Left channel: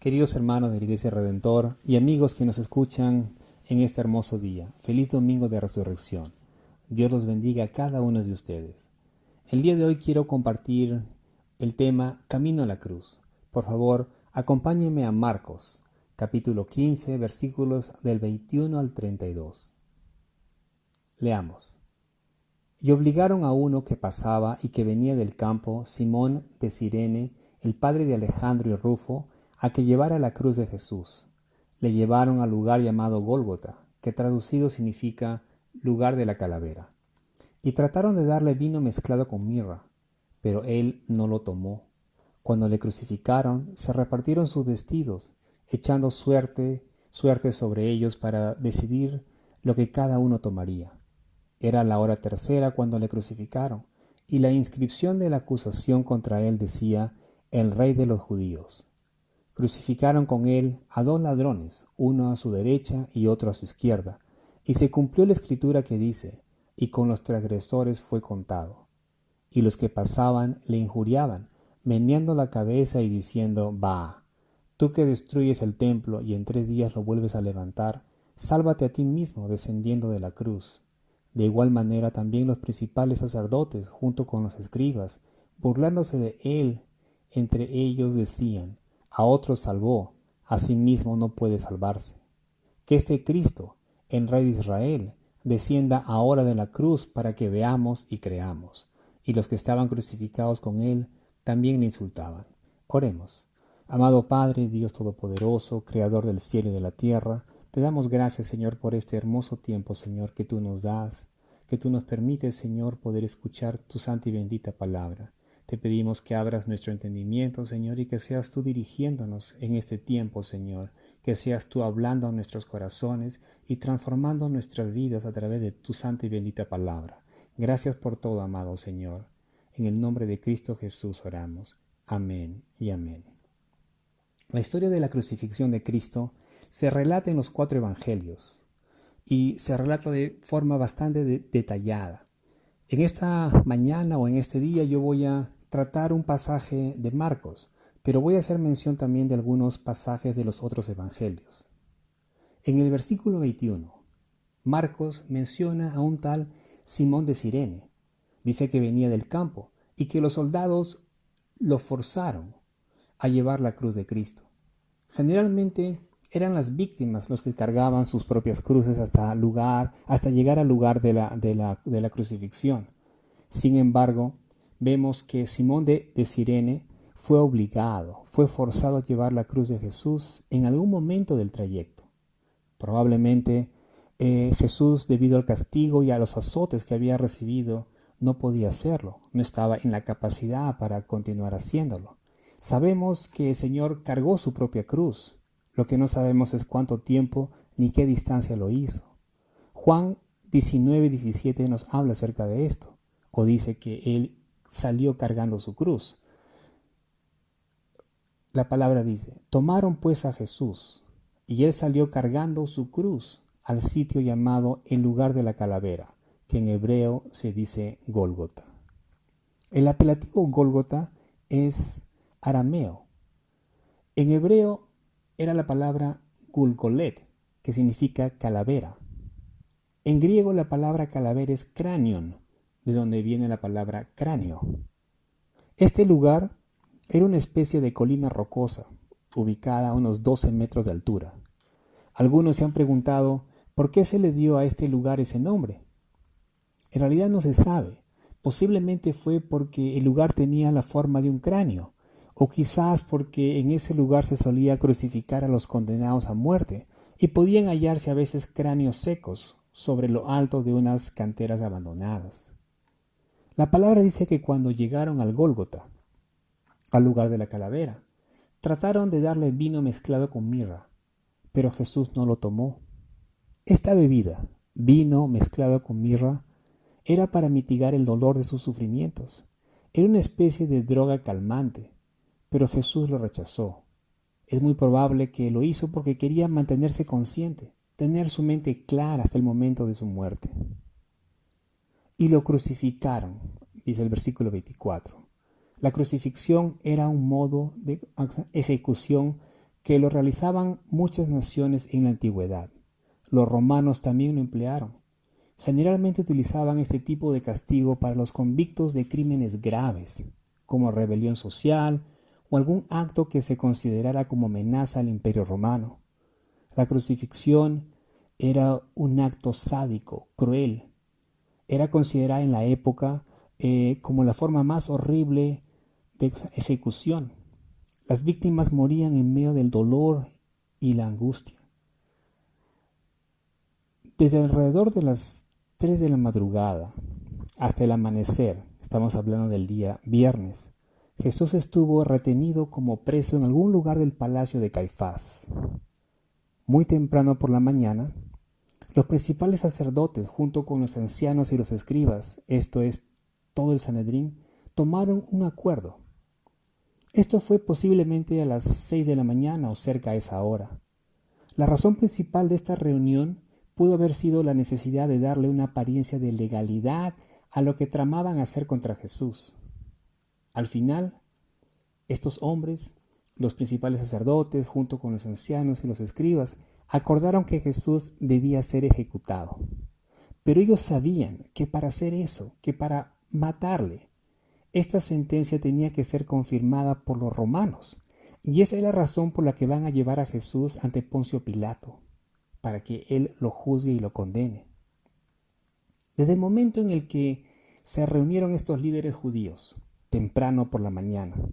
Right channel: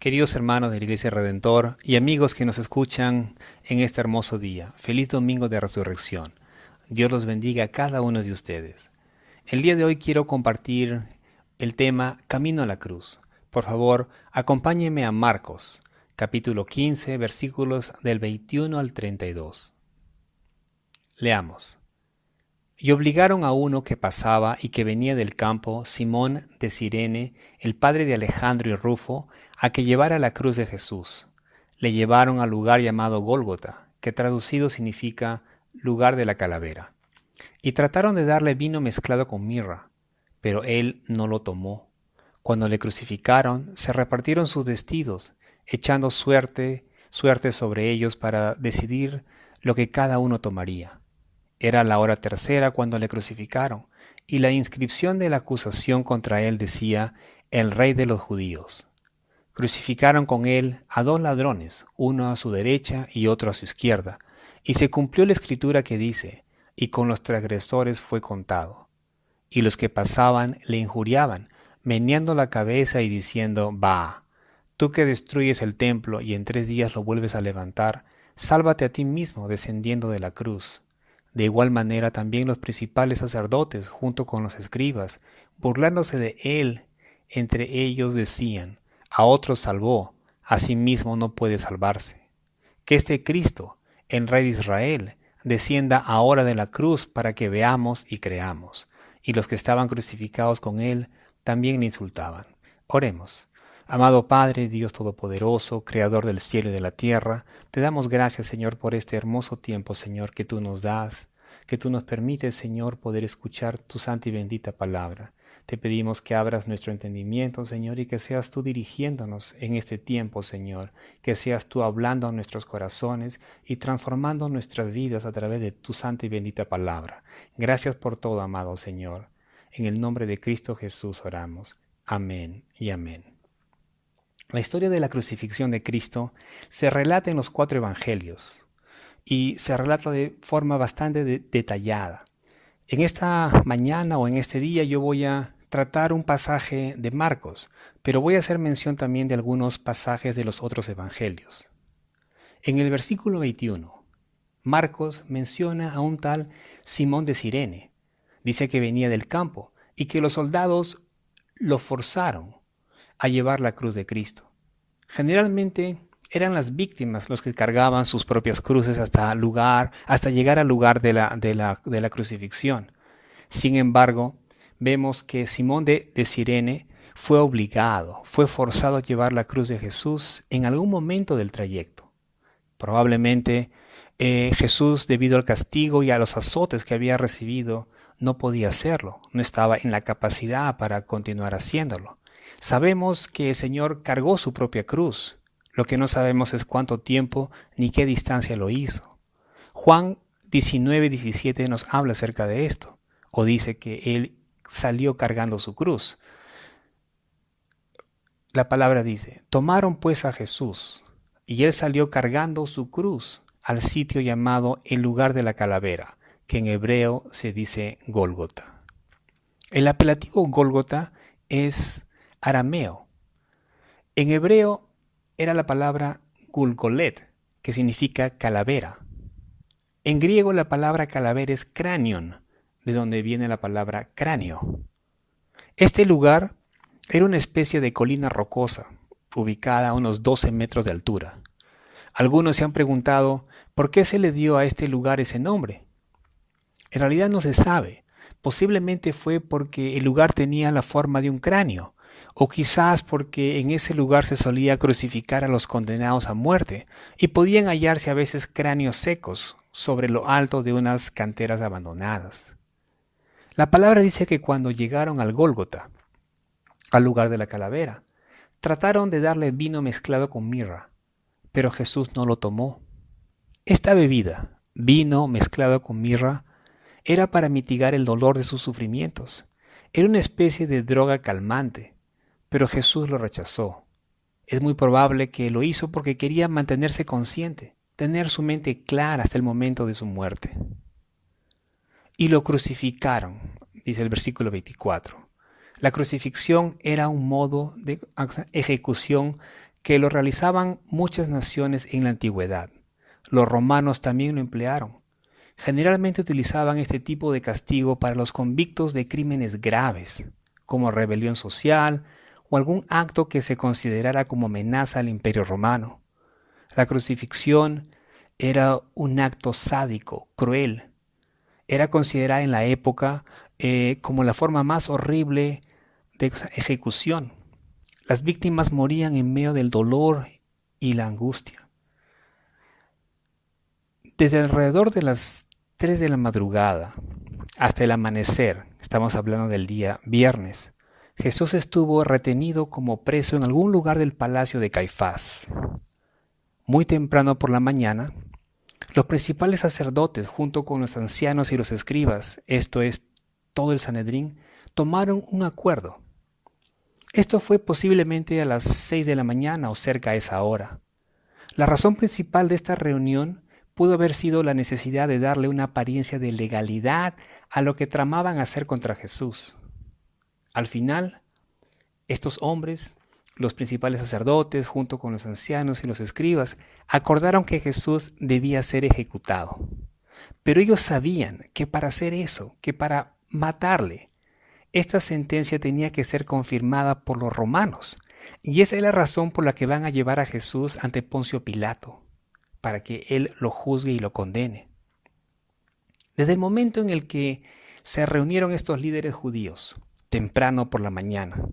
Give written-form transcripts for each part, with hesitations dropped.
Queridos hermanos de la Iglesia Redentor y amigos que nos escuchan en este hermoso día, feliz domingo de resurrección. Dios los bendiga a cada uno de ustedes. El día de hoy quiero compartir el tema Camino a la Cruz. Por favor, acompáñenme a Marcos, capítulo 15, versículos del 21 al 32. Leamos. Y obligaron a uno que pasaba y que venía del campo, Simón de Cirene, el padre de Alejandro y Rufo, a que llevara la cruz de Jesús. Le llevaron al lugar llamado Gólgota, que traducido significa lugar de la calavera. Y trataron de darle vino mezclado con mirra, pero él no lo tomó. Cuando le crucificaron, se repartieron sus vestidos, echando suerte sobre ellos para decidir lo que cada uno tomaría. Era la hora tercera cuando le crucificaron, y la inscripción de la acusación contra él decía, el Rey de los Judíos. Crucificaron con él a dos ladrones, uno a su derecha y otro a su izquierda, y se cumplió la escritura que dice, y con los transgresores fue contado. Y los que pasaban le injuriaban, meneando la cabeza y diciendo, «Bah, tú que destruyes el templo y en 3 días lo vuelves a levantar, sálvate a ti mismo descendiendo de la cruz». De igual manera también los principales sacerdotes, junto con los escribas, burlándose de él, entre ellos decían, a otros salvó, a sí mismo no puede salvarse. Que este Cristo, el Rey de Israel, descienda ahora de la cruz para que veamos y creamos. Y los que estaban crucificados con él también le insultaban. Oremos. Amado Padre, Dios Todopoderoso, Creador del cielo y de la tierra, te damos gracias, Señor, por este hermoso tiempo, Señor, que tú nos das, que tú nos permites, Señor, poder escuchar tu santa y bendita palabra. Te pedimos que abras nuestro entendimiento, Señor, y que seas tú dirigiéndonos en este tiempo, Señor, que seas tú hablando a nuestros corazones y transformando nuestras vidas a través de tu santa y bendita palabra. Gracias por todo, amado Señor. En el nombre de Cristo Jesús oramos. Amén y amén. La historia de la crucifixión de Cristo se relata en los 4 evangelios y se relata de forma bastante detallada. En esta mañana o en este día yo voy a tratar un pasaje de Marcos, pero voy a hacer mención también de algunos pasajes de los otros evangelios. En el versículo 21, Marcos menciona a un tal Simón de Cirene. Dice que venía del campo y que los soldados lo forzaron a llevar la cruz de Cristo. Generalmente eran las víctimas los que cargaban sus propias cruces hasta llegar al lugar de la crucifixión. Sin embargo, vemos que Simón de Cirene fue forzado a llevar la cruz de Jesús en algún momento del trayecto. Probablemente Jesús, debido al castigo y a los azotes que había recibido, no podía hacerlo, no estaba en la capacidad para continuar haciéndolo. Sabemos que el Señor cargó su propia cruz. Lo que no sabemos es cuánto tiempo ni qué distancia lo hizo. Juan 19:17 nos habla acerca de esto, o dice que Él salió cargando su cruz. La palabra dice, tomaron pues a Jesús, y Él salió cargando su cruz al sitio llamado el lugar de la calavera, que en hebreo se dice Gólgota. El apelativo Gólgota es arameo. En hebreo era la palabra Gulgolet, que significa calavera. En griego la palabra calavera es cranion, de donde viene la palabra cráneo. Este lugar era una especie de colina rocosa, ubicada a unos 12 metros de altura. Algunos se han preguntado por qué se le dio a este lugar ese nombre. En realidad no se sabe. Posiblemente fue porque el lugar tenía la forma de un cráneo, o quizás porque en ese lugar se solía crucificar a los condenados a muerte y podían hallarse a veces cráneos secos sobre lo alto de unas canteras abandonadas. La palabra dice que cuando llegaron al Gólgota, al lugar de la calavera, trataron de darle vino mezclado con mirra, pero Jesús no lo tomó. Esta bebida, vino mezclado con mirra, era para mitigar el dolor de sus sufrimientos. Era una especie de droga calmante, pero Jesús lo rechazó. Es muy probable que lo hizo porque quería mantenerse consciente, tener su mente clara hasta el momento de su muerte. Y lo crucificaron, dice el versículo 24. La crucifixión era un modo de ejecución que lo realizaban muchas naciones en la antigüedad. Los romanos también lo emplearon. Generalmente utilizaban este tipo de castigo para los convictos de crímenes graves, como rebelión social o algún acto que se considerara como amenaza al Imperio Romano. La crucifixión era un acto sádico, cruel. Era considerada en la época como la forma más horrible de ejecución. Las víctimas morían en medio del dolor y la angustia. Desde alrededor de las 3 de la madrugada hasta el amanecer, estamos hablando del día viernes, Jesús estuvo retenido como preso en algún lugar del palacio de Caifás. Muy temprano por la mañana, los principales sacerdotes, junto con los ancianos y los escribas, esto es, todo el Sanedrín, tomaron un acuerdo. Esto fue posiblemente a las 6 de la mañana o cerca a esa hora. La razón principal de esta reunión pudo haber sido la necesidad de darle una apariencia de legalidad a lo que tramaban hacer contra Jesús. Al final, estos hombres, los principales sacerdotes, junto con los ancianos y los escribas, acordaron que Jesús debía ser ejecutado. Pero ellos sabían que para hacer eso, que para matarle, esta sentencia tenía que ser confirmada por los romanos. Y esa es la razón por la que van a llevar a Jesús ante Poncio Pilato, para que él lo juzgue y lo condene. Desde el momento en el que se reunieron estos líderes judíos, temprano por la mañana,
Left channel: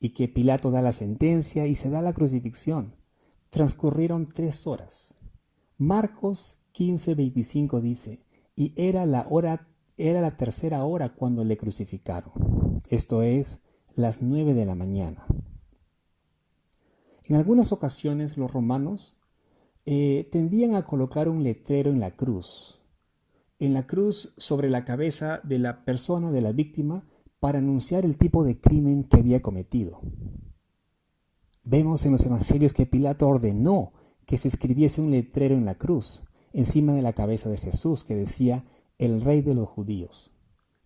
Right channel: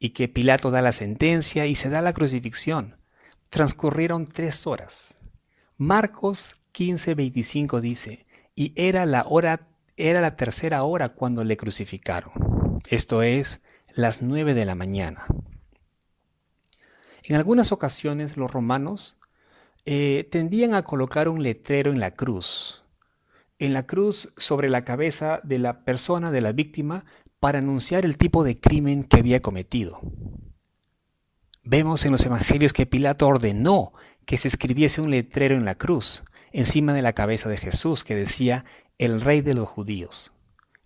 y que Pilato da la sentencia y se da la crucifixión, transcurrieron 3 horas. Marcos 15:25 dice, y era la 3ª hora cuando le crucificaron. Esto es, las 9 de la mañana. En algunas ocasiones los romanos tendían a colocar un letrero en la cruz sobre la cabeza de la persona, de la víctima, para anunciar el tipo de crimen que había cometido. Vemos en los evangelios que Pilato ordenó que se escribiese un letrero en la cruz, encima de la cabeza de Jesús, que decía, el Rey de los Judíos.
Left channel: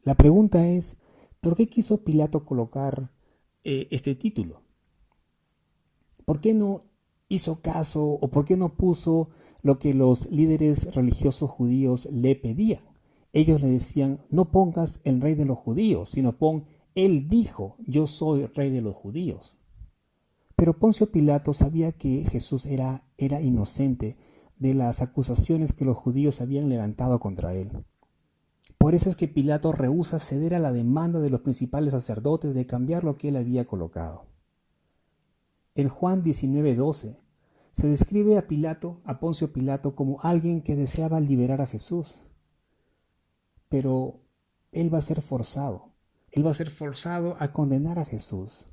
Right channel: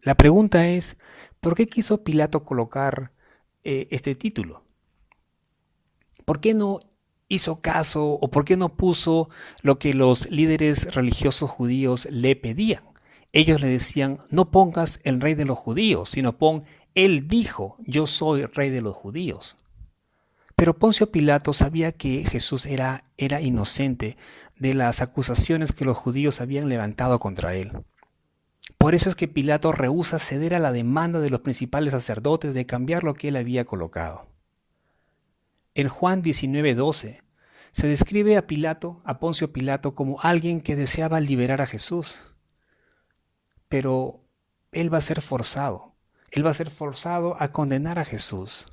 La pregunta es, ¿por qué quiso Pilato colocar este título? ¿Por qué no hizo caso o por qué no puso lo que los líderes religiosos judíos le pedían? Ellos le decían, no pongas el Rey de los Judíos, sino pon, él dijo, yo soy Rey de los Judíos. Pero Poncio Pilato sabía que Jesús era inocente de las acusaciones que los judíos habían levantado contra él. Por eso es que Pilato rehúsa ceder a la demanda de los principales sacerdotes de cambiar lo que él había colocado. En Juan 19:12 se describe a Poncio Pilato, como alguien que deseaba liberar a Jesús. Pero él va a ser forzado a condenar a Jesús.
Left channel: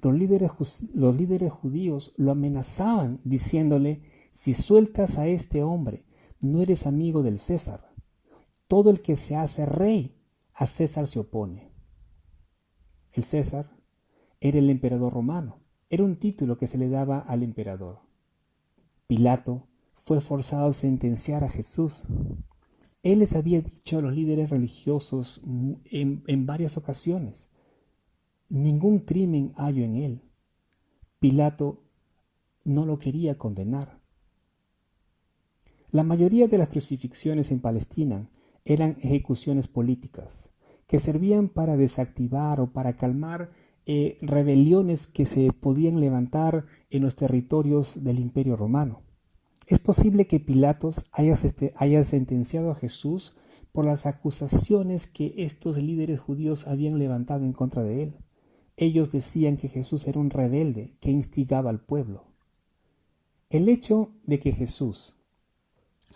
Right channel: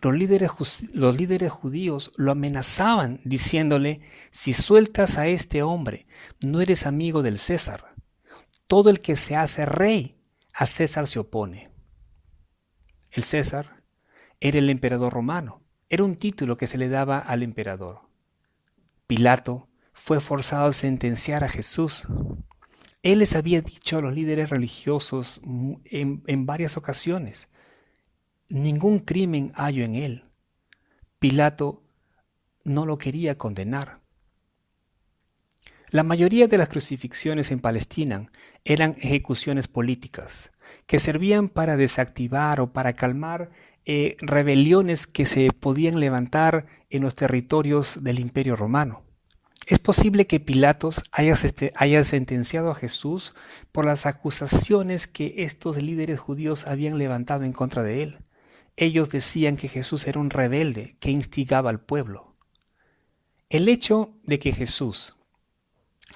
Los líderes judíos lo amenazaban diciéndole, si sueltas a este hombre, no eres amigo del César. Todo el que se hace rey, a César se opone. El César era el emperador romano. Era un título que se le daba al emperador. Pilato fue forzado a sentenciar a Jesús. Él les había dicho a los líderes religiosos en varias ocasiones, ningún crimen hallo en él. Pilato no lo quería condenar. La mayoría de las crucifixiones en Palestina eran ejecuciones políticas que servían para desactivar o para calmar rebeliones que se podían levantar en los territorios del Imperio Romano. Es posible que Pilatos haya sentenciado a Jesús por las acusaciones que estos líderes judíos habían levantado en contra de él. Ellos decían que Jesús era un rebelde que instigaba al pueblo. El hecho de que Jesús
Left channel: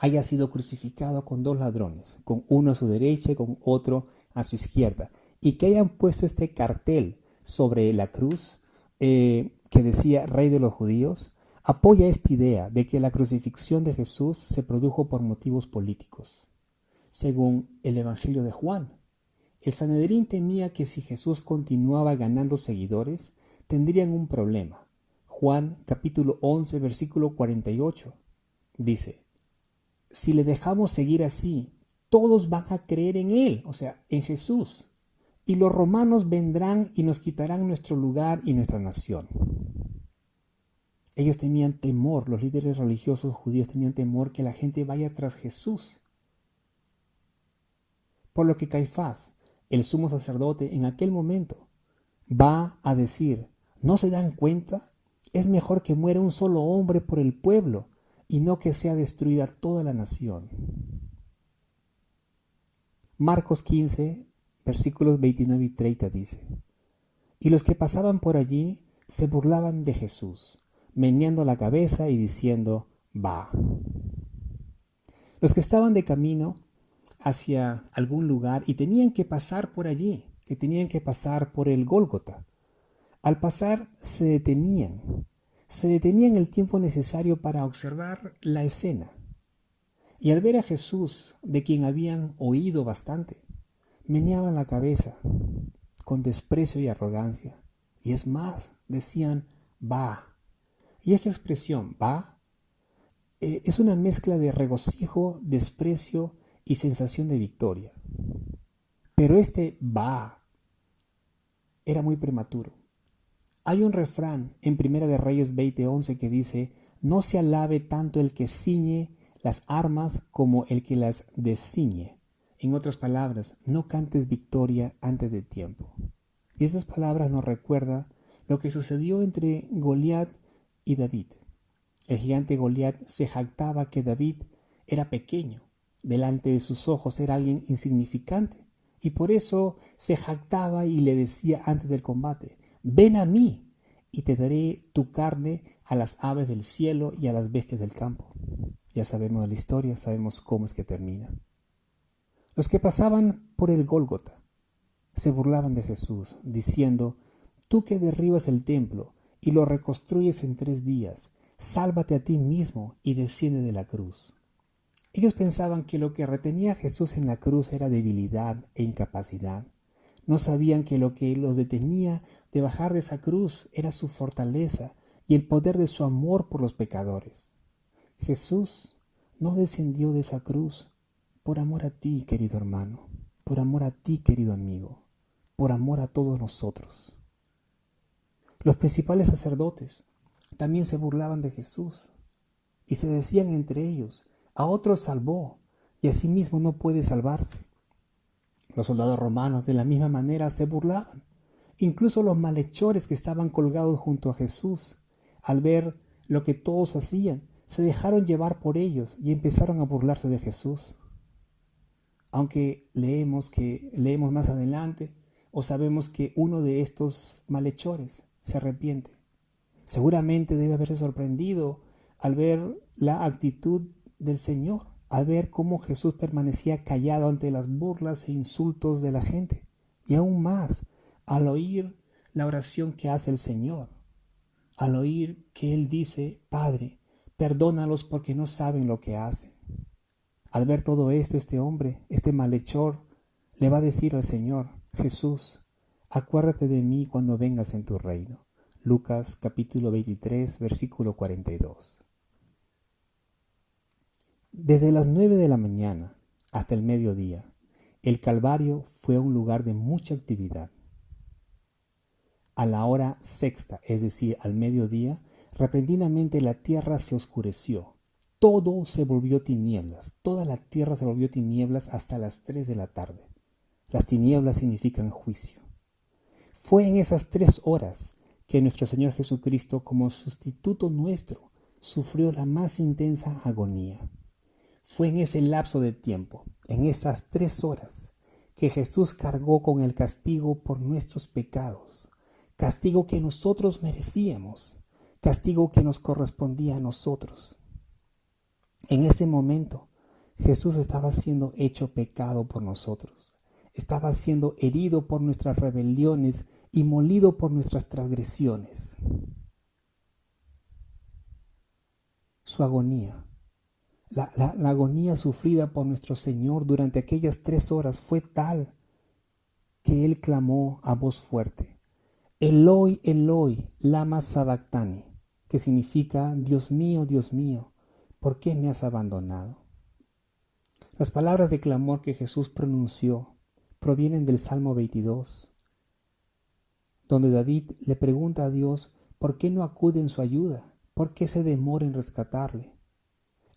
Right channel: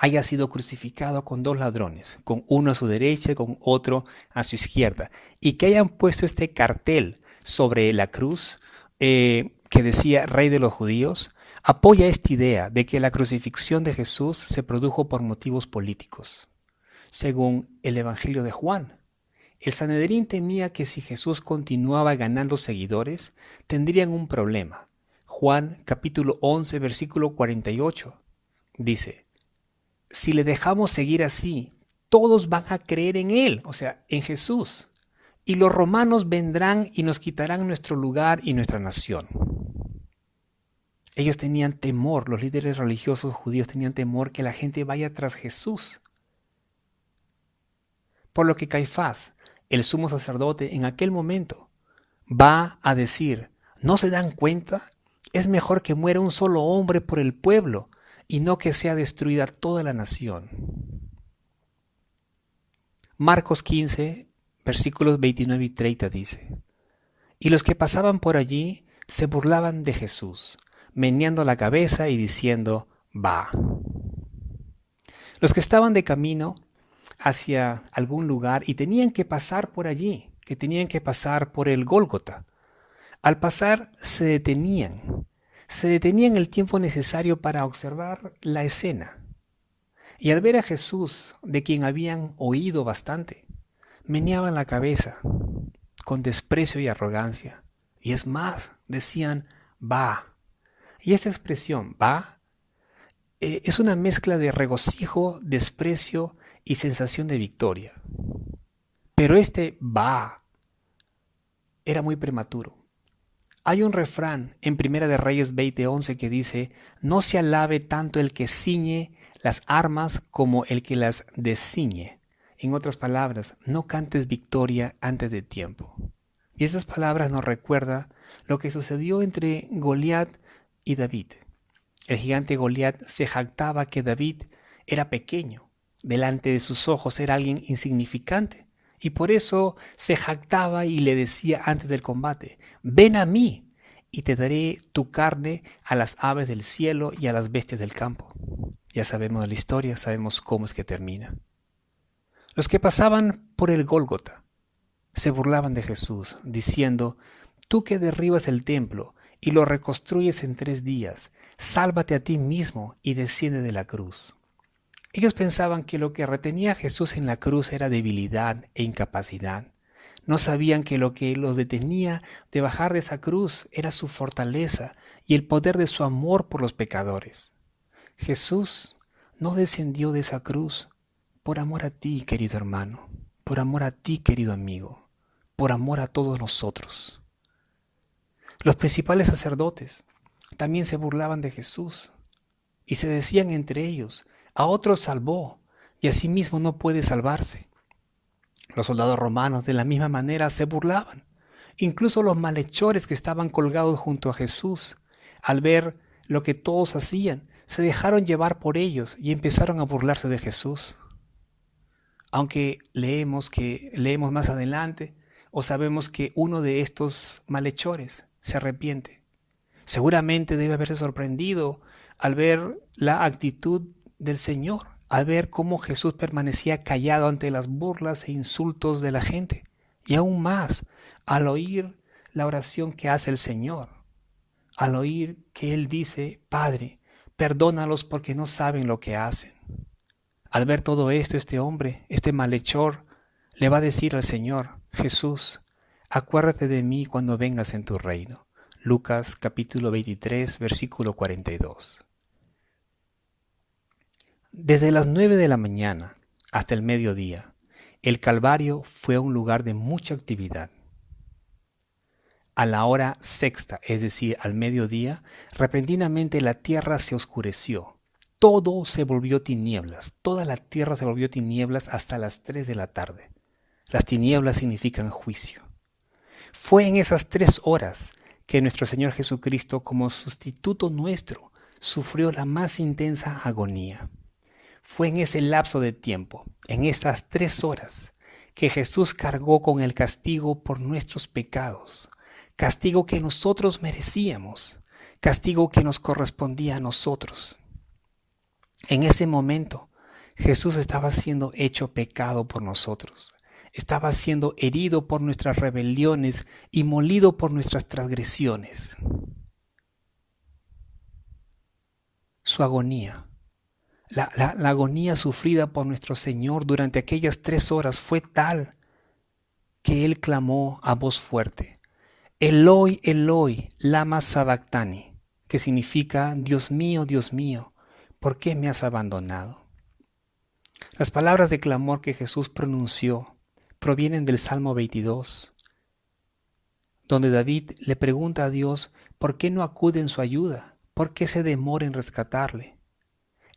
haya sido crucificado con 2 ladrones, con uno a su derecha y con otro a su izquierda, y que hayan puesto este cartel sobre la cruz que decía Rey de los Judíos, apoya esta idea de que la crucifixión de Jesús se produjo por motivos políticos. Según el Evangelio de Juan, el Sanedrín temía que si Jesús continuaba ganando seguidores, tendrían un problema. Juan capítulo 11, versículo 48, dice, si le dejamos seguir así, todos van a creer en él, o sea, en Jesús, y los romanos vendrán y nos quitarán nuestro lugar y nuestra nación. Ellos tenían temor, los líderes religiosos judíos tenían temor que la gente vaya tras Jesús. Por lo que Caifás, el sumo sacerdote, en aquel momento va a decir: ¿no se dan cuenta? Es mejor que muera un solo hombre por el pueblo y no que sea destruida toda la nación. Marcos 15, versículos 29 y 30 dice: y los que pasaban por allí se burlaban de Jesús, meneando la cabeza y diciendo: va. Los que estaban de camino hacia algún lugar y tenían que pasar por allí, que tenían que pasar por el Gólgota, al pasar se detenían el tiempo necesario para observar la escena. Y al ver a Jesús, de quien habían oído bastante, meneaban la cabeza con desprecio y arrogancia. Y es más, decían: va. Y esta expresión, va, es una mezcla de regocijo, desprecio y sensación de victoria. Pero este va era muy prematuro. Hay un refrán en Primera de Reyes 20:11 que dice: no se alabe tanto el que ciñe las armas como el que las desciñe. En otras palabras, no cantes victoria antes de tiempo. Y estas palabras nos recuerdan lo que sucedió entre Goliat y David. El gigante Goliat se jactaba que David era pequeño. Delante de sus ojos era alguien insignificante. Y por eso se jactaba y le decía antes del combate: ven a mí y te daré tu carne a las aves del cielo y a las bestias del campo. Ya sabemos la historia, sabemos cómo es que termina. Los que pasaban por el Gólgota se burlaban de Jesús, diciendo: tú que derribas el templo y lo reconstruyes en 3 días, sálvate a ti mismo y desciende de la cruz. Ellos pensaban que lo que retenía a Jesús en la cruz era debilidad e incapacidad. No sabían que lo que los detenía de bajar de esa cruz era su fortaleza y el poder de su amor por los pecadores. Jesús no descendió de esa cruz por amor a ti, querido hermano, por amor a ti, querido amigo, por amor a todos nosotros. Los principales sacerdotes también se burlaban de Jesús y se decían entre ellos: a otros salvó y a sí mismo no puede salvarse. Los soldados romanos de la misma manera se burlaban. Incluso los malhechores que estaban colgados junto a Jesús, al ver lo que todos hacían, se dejaron llevar por ellos y empezaron a burlarse de Jesús. Aunque leemos más adelante o sabemos que uno de estos malhechores se arrepiente. Seguramente debe haberse sorprendido al ver la actitud del Señor, al ver cómo Jesús permanecía callado ante las burlas e insultos de la gente. Y aún más, al oír la oración que hace el Señor, al oír que Él dice: Padre, perdónalos porque no saben lo que hacen. Al ver todo esto, este hombre, este malhechor, le va a decir al Señor: Jesús, acuérdate de mí cuando vengas en tu reino. Lucas capítulo 23, versículo 42. Desde las 9 de la mañana hasta el mediodía, el Calvario fue un lugar de mucha actividad. A la hora sexta, es decir, al mediodía, repentinamente la tierra se oscureció. Todo se volvió tinieblas, toda la tierra se volvió tinieblas hasta las 3 de la tarde. Las tinieblas significan juicio. Fue en esas 3 horas que nuestro Señor Jesucristo, como sustituto nuestro, sufrió la más intensa agonía. Fue en ese lapso de tiempo, en estas 3 horas, que Jesús cargó con el castigo por nuestros pecados, castigo que nosotros merecíamos, castigo que nos correspondía a nosotros. En ese momento, Jesús estaba siendo hecho pecado por nosotros, estaba siendo herido por nuestras rebeliones y molido por nuestras transgresiones. Su agonía, la agonía sufrida por nuestro Señor durante aquellas 3 horas fue tal que Él clamó a voz fuerte: Eloi, Eloi, lama sabactani, que significa: Dios mío, ¿por qué me has abandonado? Las palabras de clamor que Jesús pronunció provienen del Salmo 22, donde David le pregunta a Dios por qué no acude en su ayuda, ¿Por qué se demora en rescatarle?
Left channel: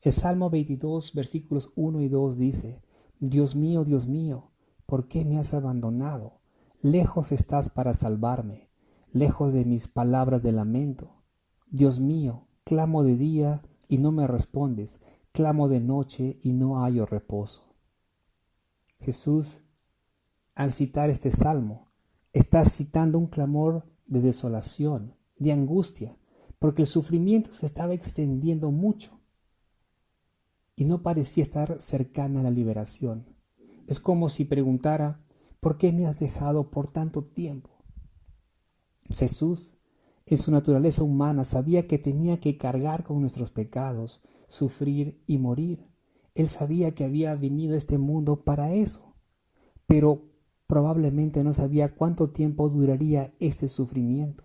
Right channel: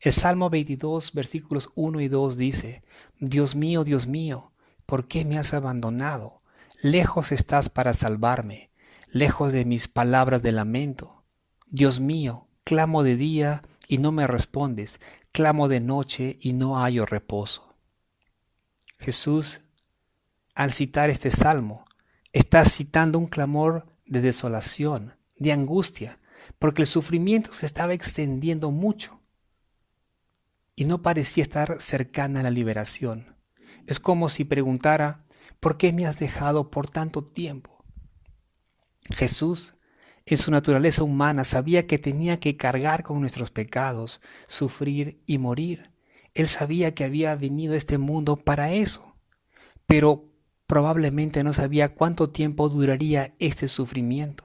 El Salmo 22, versículos 1 y 2 dice: Dios mío, ¿por qué me has abandonado? Lejos estás para salvarme, lejos de mis palabras de lamento. Dios mío, clamo de día y no me respondes, clamo de noche y no hallo reposo. Jesús, al citar este salmo, está citando un clamor de desolación, de angustia, porque el sufrimiento se estaba extendiendo mucho y no parecía estar cercana a la liberación. Es como si preguntara: ¿por qué me has dejado por tanto tiempo? Jesús, en su naturaleza humana, sabía que tenía que cargar con nuestros pecados, sufrir y morir. Él sabía que había venido a este mundo para eso, pero probablemente no sabía cuánto tiempo duraría este sufrimiento.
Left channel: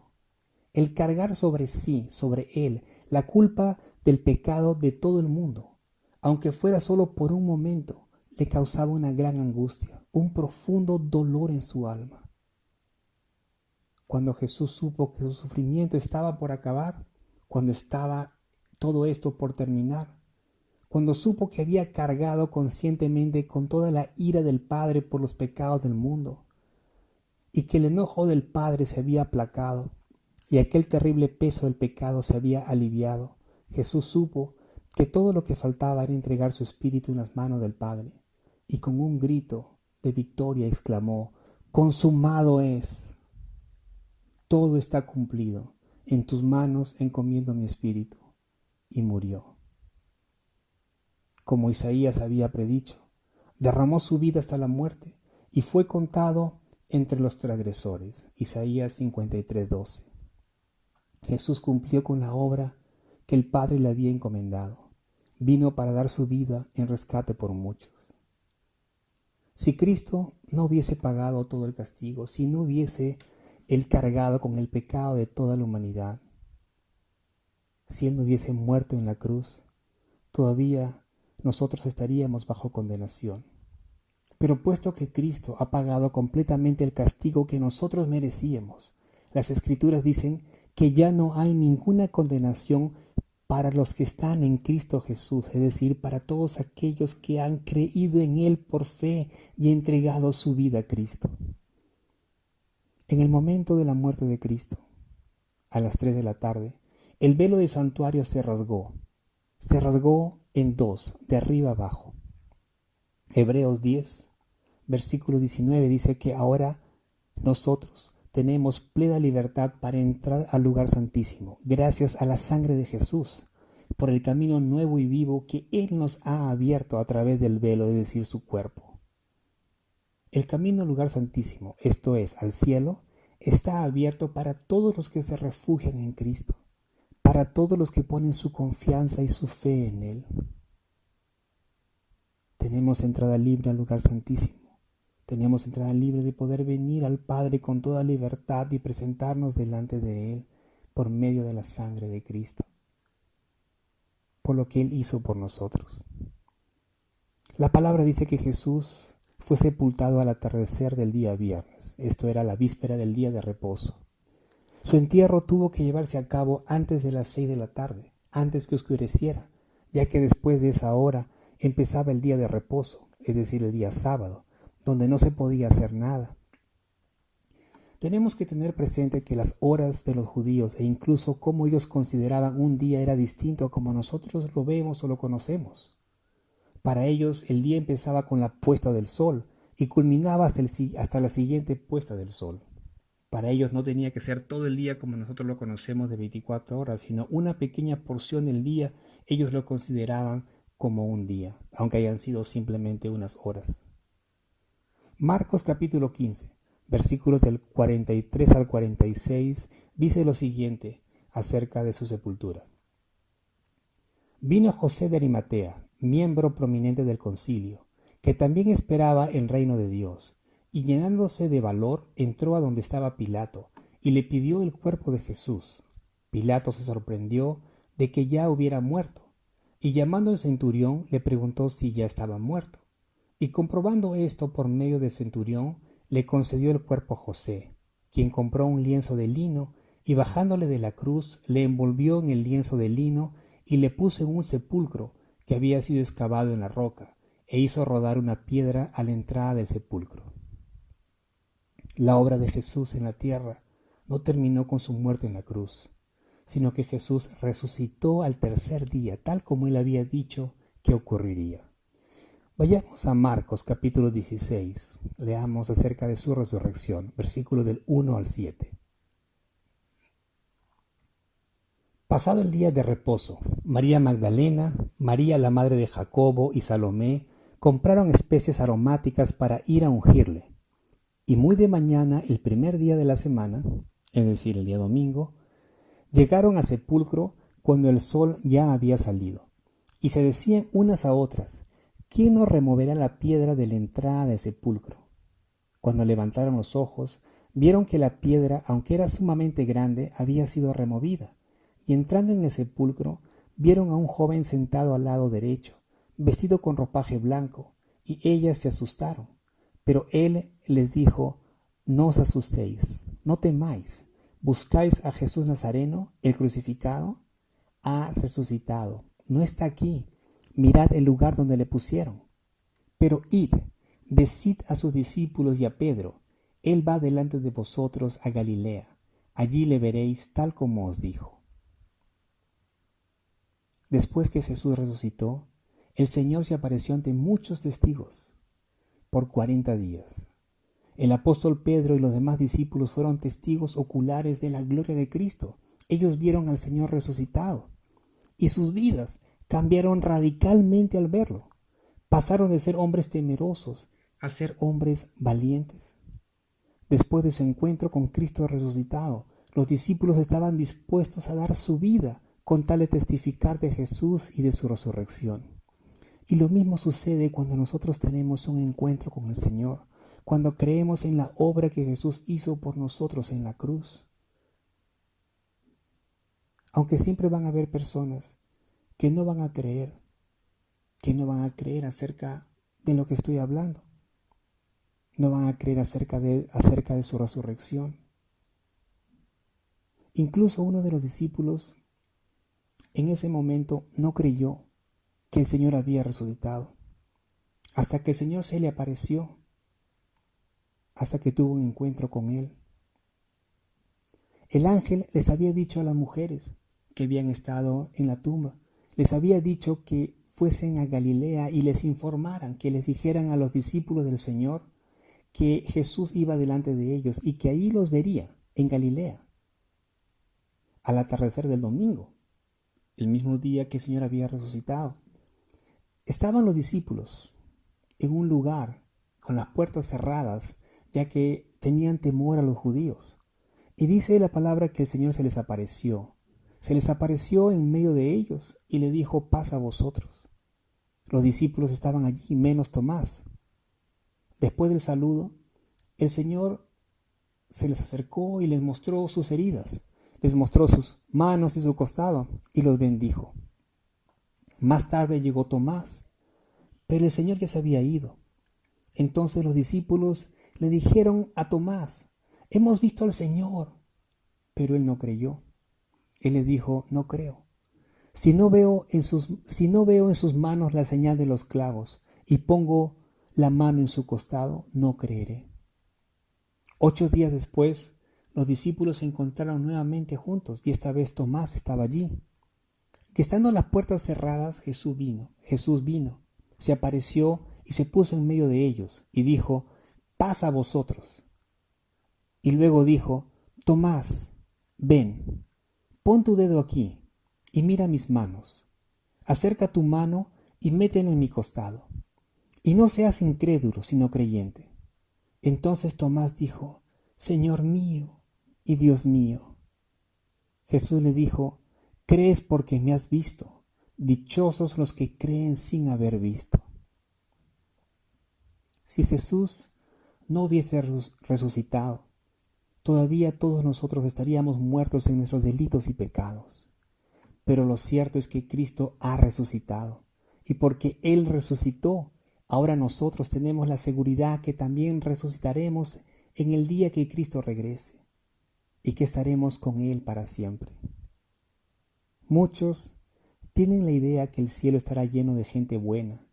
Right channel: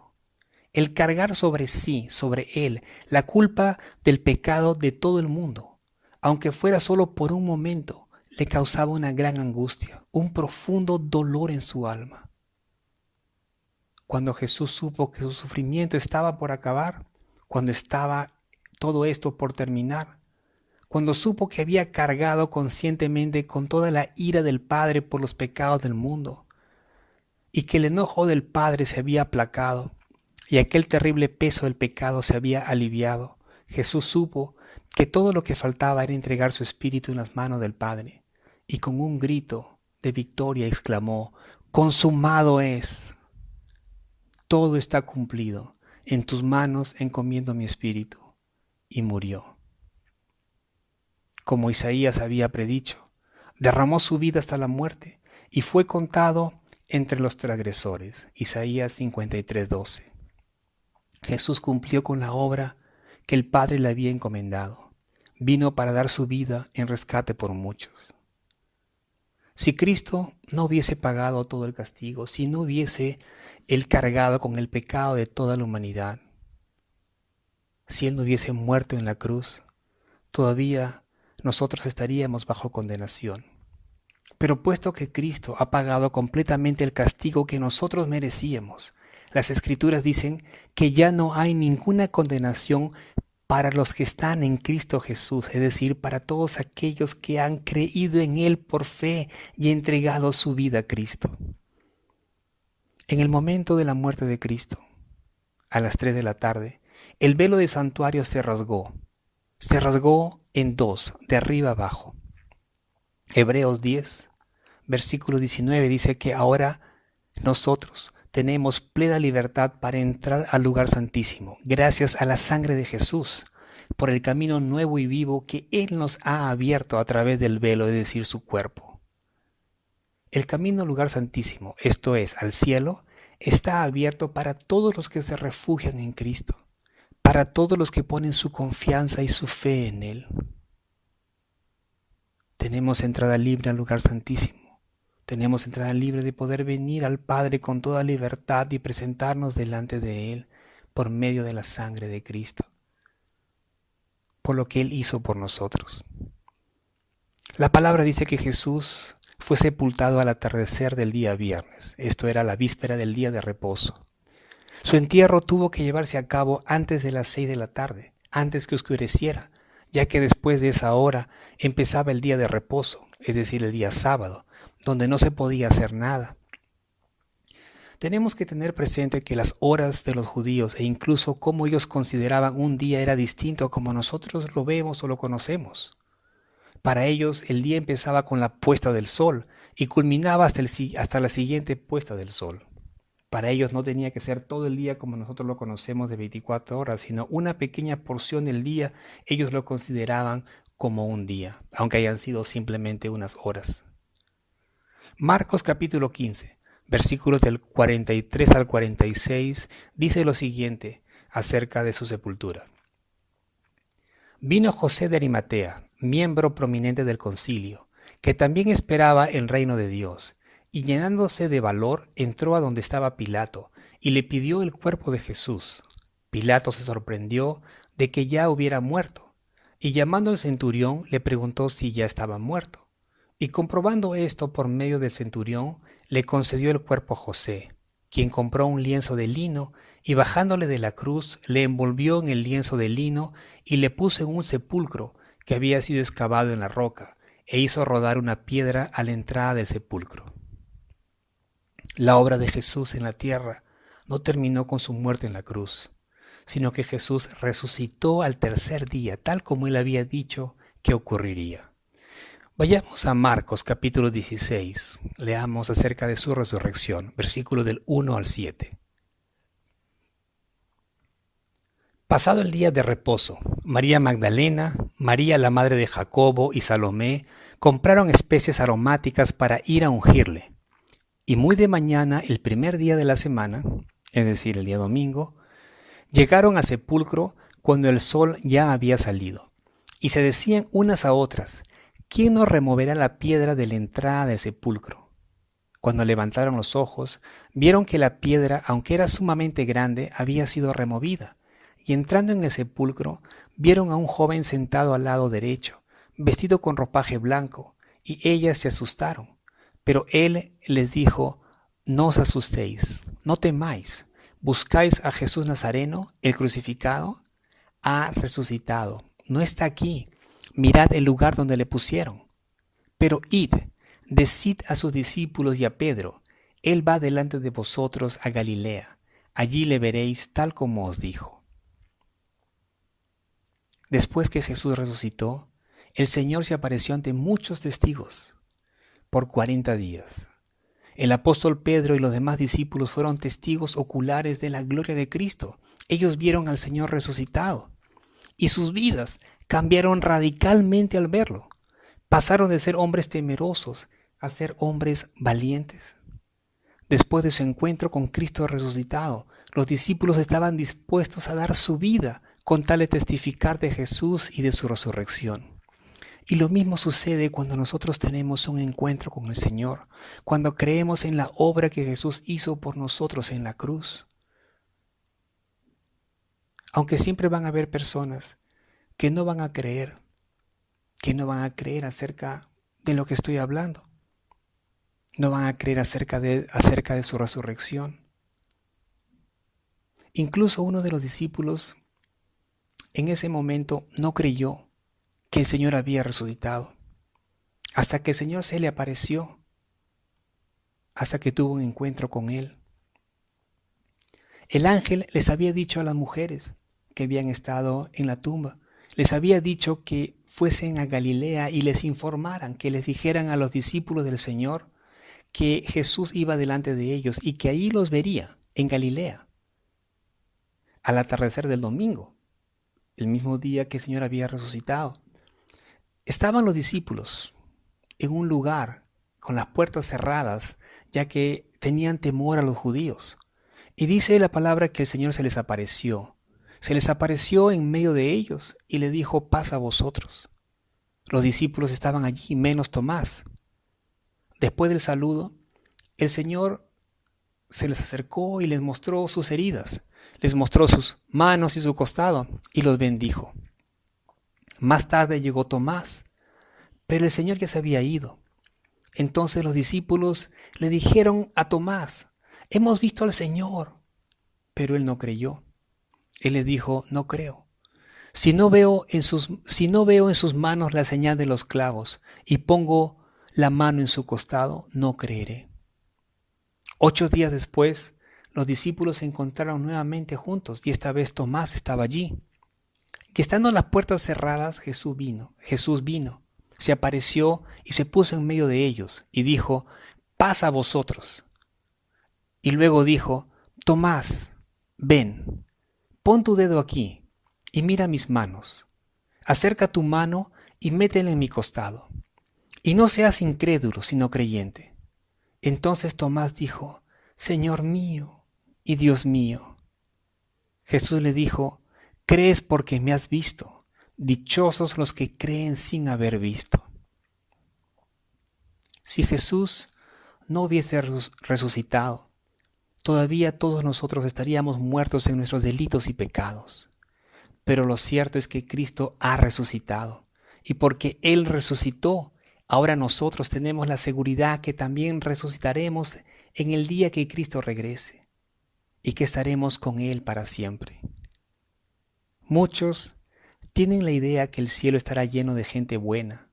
El cargar sobre sí, sobre él, la culpa del pecado de todo el mundo, aunque fuera solo por un momento, le causaba una gran angustia, un profundo dolor en su alma. Cuando Jesús supo que su sufrimiento estaba por acabar, cuando estaba todo esto por terminar, cuando supo que había cargado conscientemente con toda la ira del Padre por los pecados del mundo, y que el enojo del Padre se había aplacado, y aquel terrible peso del pecado se había aliviado, Jesús supo que todo lo que faltaba era entregar su espíritu en las manos del Padre, y con un grito de victoria exclamó: «Consumado es. Todo está cumplido. En tus manos encomiendo mi espíritu». Y murió. Como Isaías había predicho, derramó su vida hasta la muerte y fue contado entre los transgresores. Isaías 53:12. Jesús cumplió con la obra que el Padre le había encomendado. Vino para dar su vida en rescate por muchos. Si Cristo no hubiese pagado todo el castigo, si no hubiese Él cargado con el pecado de toda la humanidad, si Él no hubiese muerto en la cruz, todavía nosotros estaríamos bajo condenación. Pero puesto que Cristo ha pagado completamente el castigo que nosotros merecíamos, las Escrituras dicen que ya no hay ninguna condenación para los que están en Cristo Jesús, es decir, para todos aquellos que han creído en Él por fe y entregado su vida a Cristo. En el momento de la muerte de Cristo, a las 3 de la tarde, el velo del santuario se rasgó en dos, de arriba abajo. Hebreos 10, versículo 19 dice que ahora nosotros tenemos plena libertad para entrar al lugar santísimo, gracias a la sangre de Jesús, por el camino nuevo y vivo que Él nos ha abierto a través del velo, es decir, su cuerpo. El camino al lugar santísimo, esto es, al cielo, está abierto para todos los que se refugian en Cristo, para todos los que ponen su confianza y su fe en Él. Tenemos entrada libre al lugar santísimo. Tenemos entrada libre de poder venir al Padre con toda libertad y presentarnos delante de Él por medio de la sangre de Cristo, por lo que Él hizo por nosotros. La palabra dice que Jesús fue sepultado al atardecer del día viernes. Esto era la víspera del día de reposo. Su entierro tuvo que llevarse a cabo antes de las 6 de la tarde, antes que oscureciera, ya que después de esa hora empezaba el día de reposo, es decir, el día sábado, donde no se podía hacer nada. Tenemos que tener presente que las horas de los judíos e incluso cómo ellos consideraban un día era distinto a como nosotros lo vemos o lo conocemos. Para ellos el día empezaba con la puesta del sol y culminaba hasta la siguiente puesta del sol. Para ellos no tenía que ser todo el día como nosotros lo conocemos de 24 horas, sino una pequeña porción del día ellos lo consideraban como un día, aunque hayan sido simplemente unas horas. Marcos capítulo 15, versículos del 43 al 46, dice lo siguiente acerca de su sepultura. Vino José de Arimatea, miembro prominente del concilio, que también esperaba el reino de Dios, y llenándose de valor entró a donde estaba Pilato, y le pidió el cuerpo de Jesús. Pilato se sorprendió de que ya hubiera muerto, y llamando al centurión le preguntó si ya estaba muerto. Y comprobando esto por medio del centurión, le concedió el cuerpo a José, quien compró un lienzo de lino y bajándole de la cruz, le envolvió en el lienzo de lino y le puso en un sepulcro que había sido excavado en la roca, e hizo rodar una piedra a la entrada del sepulcro. La obra de Jesús en la tierra no terminó con su muerte en la cruz, sino que Jesús resucitó al tercer día, tal como él había dicho que ocurriría. Vayamos a Marcos capítulo 16, leamos acerca de su resurrección, versículos del 1 al 7. Pasado el día de reposo, María Magdalena, María la madre de Jacobo y Salomé compraron especies aromáticas para ir a ungirle. Y muy de mañana, el primer día de la semana, es decir, el día domingo, llegaron al sepulcro cuando el sol ya había salido, y se decían unas a otras: ¿quién nos removerá la piedra de la entrada del sepulcro? Cuando levantaron los ojos, vieron que la piedra, aunque era sumamente grande, había sido removida, y entrando en el sepulcro, vieron a un joven sentado al lado derecho, vestido con ropaje blanco, y ellas se asustaron. Pero él les dijo: no os asustéis, no temáis. ¿Buscáis a Jesús Nazareno, el crucificado? Ha resucitado, no está aquí. Mirad el lugar donde le pusieron. Pero id, decid a sus discípulos y a Pedro: él va delante de vosotros a Galilea. Allí le veréis tal como os dijo. Después que Jesús resucitó, el Señor se apareció ante muchos testigos por 40 días. El apóstol Pedro y los demás discípulos fueron testigos oculares de la gloria de Cristo. Ellos vieron al Señor resucitado y sus vidas cambiaron radicalmente al verlo. Pasaron de ser hombres temerosos a ser hombres valientes. Después de su encuentro con Cristo resucitado, los discípulos estaban dispuestos a dar su vida con tal de testificar de Jesús y de su resurrección. Y lo mismo sucede cuando nosotros tenemos un encuentro con el Señor, cuando creemos en la obra que Jesús hizo por nosotros en la cruz. Aunque siempre van a haber personas que no van a creer acerca de lo que estoy hablando. No van a creer acerca de su resurrección. Incluso uno de los discípulos en ese momento no creyó que el Señor había resucitado, hasta que el Señor se le apareció, hasta que tuvo un encuentro con él. El ángel les había dicho a las mujeres que habían estado en la tumba, les había dicho que fuesen a Galilea y les informaran, que les dijeran a los discípulos del Señor que Jesús iba delante de ellos y que ahí los vería, en Galilea, al atardecer del domingo, el mismo día que el Señor había resucitado. Estaban los discípulos en un lugar con las puertas cerradas, ya que tenían temor a los judíos. Y dice la palabra que el Señor se les apareció. Se les apareció en medio de ellos y le dijo: paz a vosotros. Los discípulos estaban allí, menos Tomás. Después del saludo, el Señor se les acercó y les mostró sus heridas. Les mostró sus manos y su costado y los bendijo. Más tarde llegó Tomás, pero el Señor ya se había ido. Entonces los discípulos le dijeron a Tomás: hemos visto al Señor. Pero él no creyó. Él les dijo: no creo. Si no veo en sus manos la señal de los clavos y pongo la mano en su costado, no creeré. 8 días después, los discípulos se encontraron nuevamente juntos y esta vez Tomás estaba allí. Que estando las puertas cerradas, Jesús vino, se apareció y se puso en medio de ellos y dijo: paz a vosotros. Y luego dijo: Tomás, ven, pon tu dedo aquí y mira mis manos. Acerca tu mano y métela en mi costado. Y no seas incrédulo, sino creyente. Entonces Tomás dijo: Señor mío y Dios mío. Jesús le dijo: crees porque me has visto. Dichosos los que creen sin haber visto. Si Jesús no hubiese resucitado, todavía todos nosotros estaríamos muertos en nuestros delitos y pecados. Pero lo cierto es que Cristo ha resucitado. Y porque Él resucitó, ahora nosotros tenemos la seguridad que también resucitaremos en el día que Cristo regrese. y que estaremos con Él para siempre. Muchos tienen la idea que el cielo estará lleno de gente buena,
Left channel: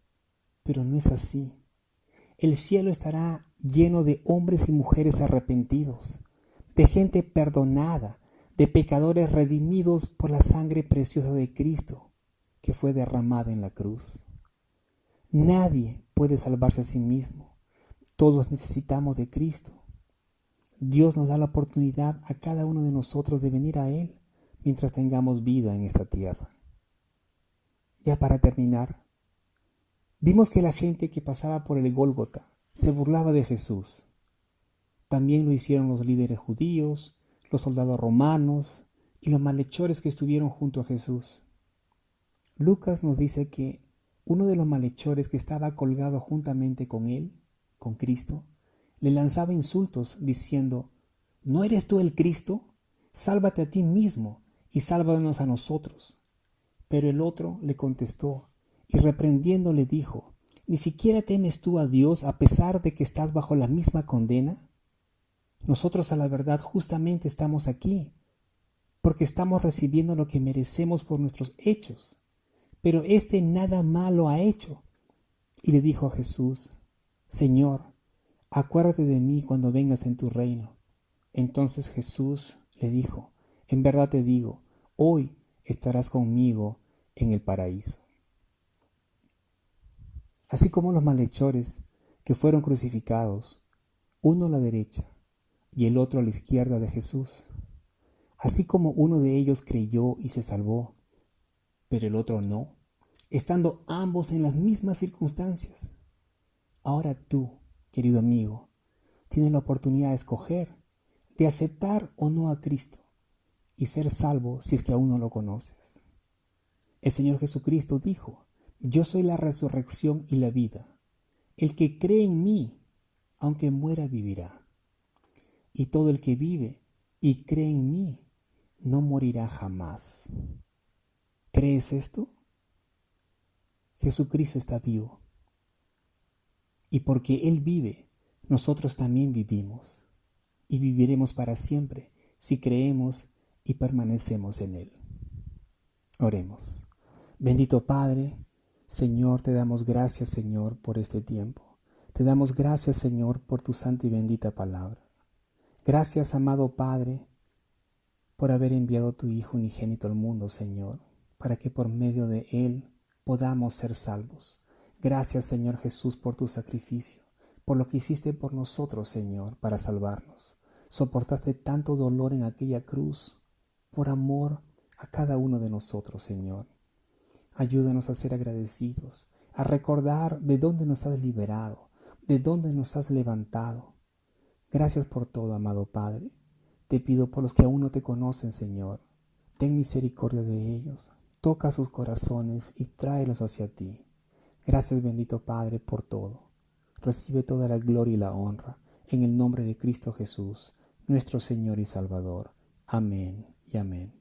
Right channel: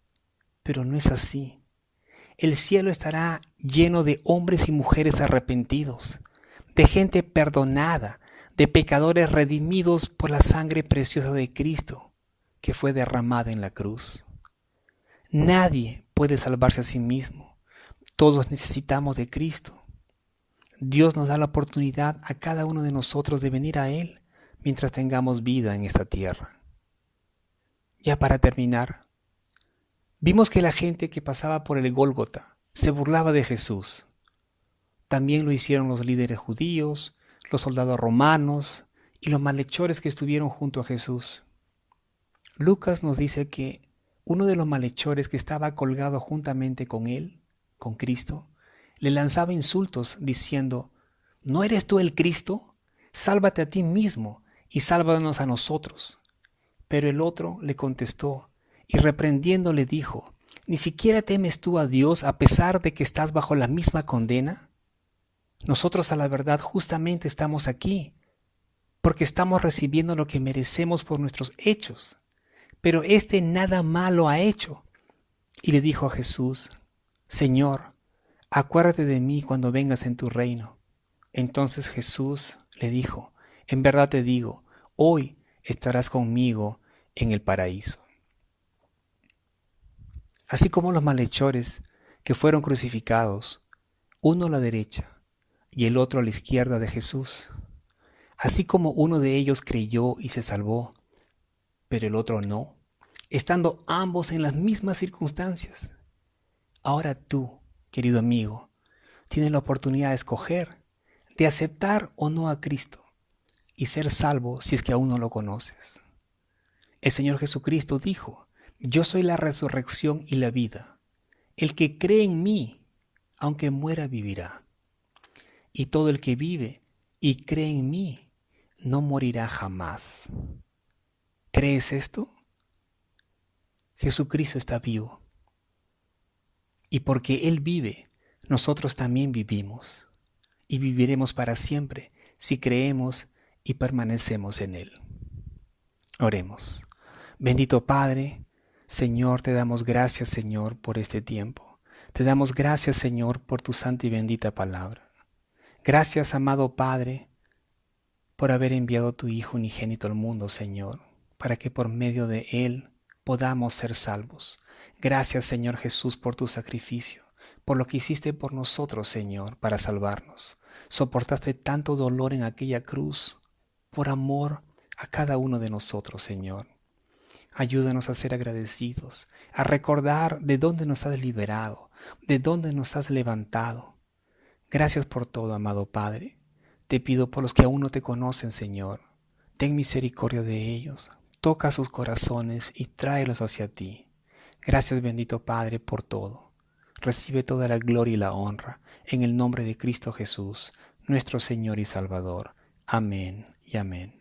pero no es así. El cielo estará lleno de hombres y mujeres arrepentidos, de gente perdonada, de pecadores redimidos por la sangre preciosa de Cristo que fue derramada en la cruz. Nadie puede salvarse a sí mismo. Todos necesitamos de Cristo. Dios nos da la oportunidad a cada uno de nosotros de venir a Él mientras tengamos vida en esta tierra. Ya para terminar, vimos que la gente que pasaba por el Gólgota se burlaba de Jesús. También lo hicieron los líderes judíos, los soldados romanos y los malhechores que estuvieron junto a Jesús. Lucas nos dice que uno de los malhechores que estaba colgado juntamente con él, con Cristo, le lanzaba insultos diciendo: ¿no eres tú el Cristo? Sálvate a ti mismo y sálvanos a nosotros. Pero el otro le contestó y reprendiendo le dijo: ¿ni siquiera temes tú a Dios a pesar de que estás bajo la misma condena? Nosotros a la verdad justamente estamos aquí porque estamos recibiendo lo que merecemos por nuestros hechos, pero este nada malo ha hecho. Y le dijo a Jesús: Señor, acuérdate de mí cuando vengas en tu reino. Entonces Jesús le dijo: en verdad te digo, hoy estarás conmigo en el paraíso. Así como los malhechores que fueron crucificados, uno a la derecha y el otro a la izquierda de Jesús, así como uno de ellos creyó y se salvó, pero el otro no, estando ambos en las mismas circunstancias. Ahora tú, querido amigo, tienes la oportunidad de escoger, de aceptar o no a Cristo y ser salvo si es que aún no lo conoces. El Señor Jesucristo dijo: yo soy la resurrección y la vida. El que cree en mí, aunque muera, vivirá. Y todo el que vive y cree en mí, no morirá jamás. ¿Crees esto? Jesucristo está vivo. Y porque Él vive, nosotros también vivimos. Y viviremos para siempre si creemos y permanecemos en Él. Oremos. Bendito Padre, Señor, te damos gracias, Señor, por este tiempo. Te damos gracias, Señor, por tu santa y bendita palabra. Gracias, amado Padre, por haber enviado a tu Hijo unigénito al mundo, Señor, para que por medio de Él podamos ser salvos. Gracias, Señor Jesús, por tu sacrificio, por lo que hiciste por nosotros, Señor, para salvarnos. Soportaste tanto dolor en aquella cruz por amor a cada uno de nosotros, Señor. Ayúdanos a ser agradecidos, a recordar de dónde nos has liberado, de dónde nos has levantado. Gracias por todo, amado Padre. Te pido por los que aún no te conocen, Señor. Ten misericordia de ellos, toca sus corazones y tráelos hacia ti. Gracias, bendito Padre, por todo. Recibe toda la gloria y la honra, en el nombre de Cristo Jesús, nuestro Señor y Salvador. Amén y amén.